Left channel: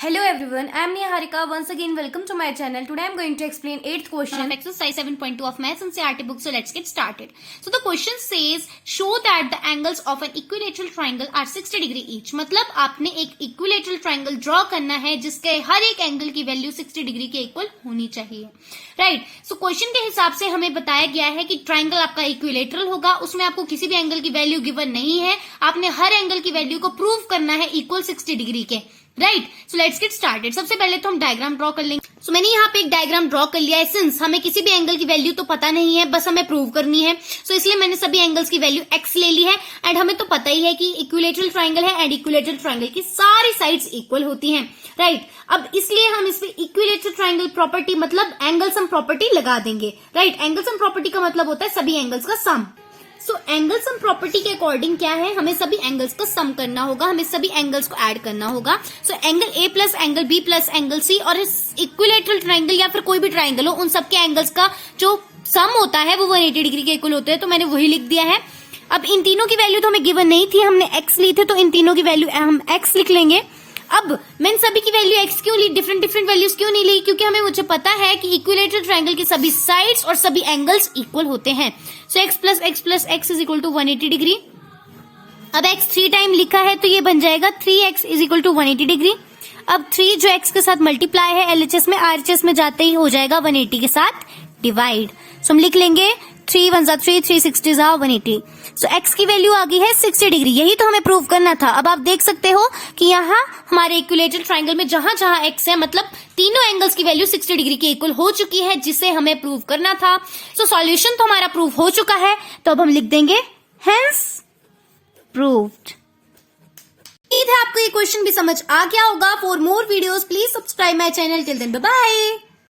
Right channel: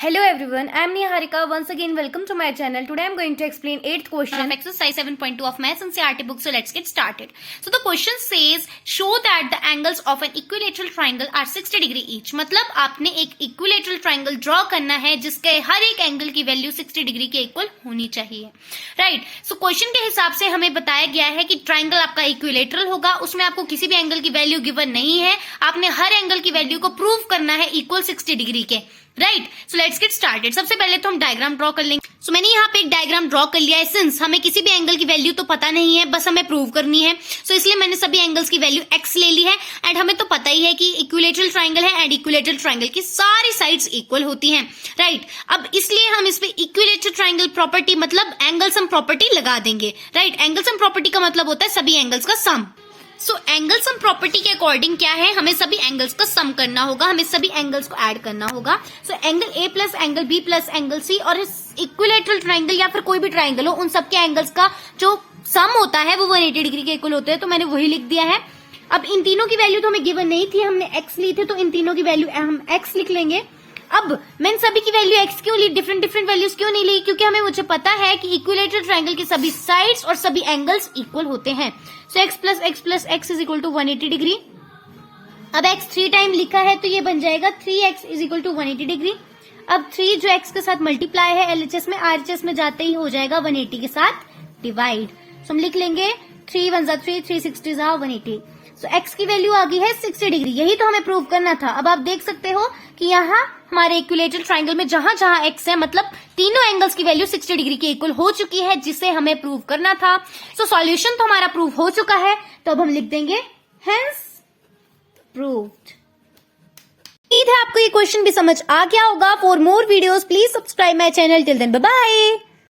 Hello everyone, I am Niharika. Once again, welcome to my channel. Today I am going to explain 8th question of exercise 7.2 of Maths NCERT book. So let's get started. So the question says, show that the angles of an equilateral triangle are 60 degree each. मतलब आपने एक equilateral triangle draw करना है जिसके हर एक angle की value 60 degree के equal होनी चाहिए, राइट। सो क्वेश्चन के हिसाब से हमें बताया गया है कि ट्राइंगल आपका इक्विलेटरल होगा, उसमें आपको किसी भी एंगल की वैल्यू गिवन नहीं है, आपने हर एंगल की वैल्यू को प्रूव करना है इक्वल 60 डिग्री के, right. So let's get started. सबसे पहले तो हम डायग्राम ड्रॉ कर लेंगे। सो मैंने यहाँ पे एक डायग्राम ड्रॉ कर लिया है। सिंस हमें किसी भी एंगल की वैल्यू तो पता नहीं है, बस हमें प्रूव करनी है, सो इसलिए मैंने सभी एंगल्स की वैल्यू एक्स ले ली है। एंड हमें तो पता ही है कि इक्विलेटरल ट्राइंगल है एंड इक्विलेटरल ट्राइंगल की सारी साइड्स इक्वल होती हैं, राइट। अब इसलिए हम इस पे इक्विलेटरल ट्राइंगल प्रॉपर्टी मतलब एंगल सम प्रॉपर्टी लगा देंगे, राइट। एंगल सम प्रॉपर्टी का मतलब होता है सभी एंगल्स का सम। सो एंगल सम प्रॉपर्टी के अकॉर्डिंग क्या है, हमें सभी एंगल्स का सम करना होगा, हमें सभी एंगल्स को ऐड करना होगा। So angle A plus angle B plus angle C और इक्विलेटरल ट्राइंगल या फिर कोई भी ट्राइंगल हो, उन सबके एंगल्स का जो सम होता है वो 180 डिग्री के इक्वल होते हैं, तो मैंने वही लिख दिया है। अब इन तीनों की वैल्यू तो हमें गिवन नहीं थी, हमने एक्स ली थी, तो इन तीनों की वैल्यू हम एक्स लिख लेंगे। अब मैंने सभी की वैल्यू एक्स क्यों ली, डिफरेंट डिफरेंट वैल्यूज क्यों नहीं ली, क्योंकि मुझे पता है कि इक्विलेटरल ट्राइंगल की सभी साइड्स और सभी एंगल्स इक्वल होते हैं। So x plus x is equal to 180 degree. अब एक्स 3 टाइम लिखा है तो ये बन जाएगा 3x is equal to 180 degree. अब 3 जो x के साथ मल्टीप्लाई है LHS में, RHS में जाते ही हो जाएगा 180 के साथ डिवाइड। सो हम लिख लेंगे 3 1 3 360 180। सो x की वैल्यू आ गई है 60 डिग्री। यही तो हमें प्रूव करना था। अब आप देख सकते हो कि यहाँ हमारे इक्विलेटरल ट्राइंगल में जहां जहां x है मतलब तीनों एंगल्स की वैल्यू 60 डिग्री के इक्वल हो चुकी है, जिसे हमें प्रूव करना था। सो सॉल्यूशन तो हमारा प्रूव हो चुका है, तो अब हम लिख देंगे हेंस प्रूव्ड। उम्मीद है आपको ये क्वेश्चन भी समझ आ गया होगा। For more videos please subscribe my channel. Till then bye bye.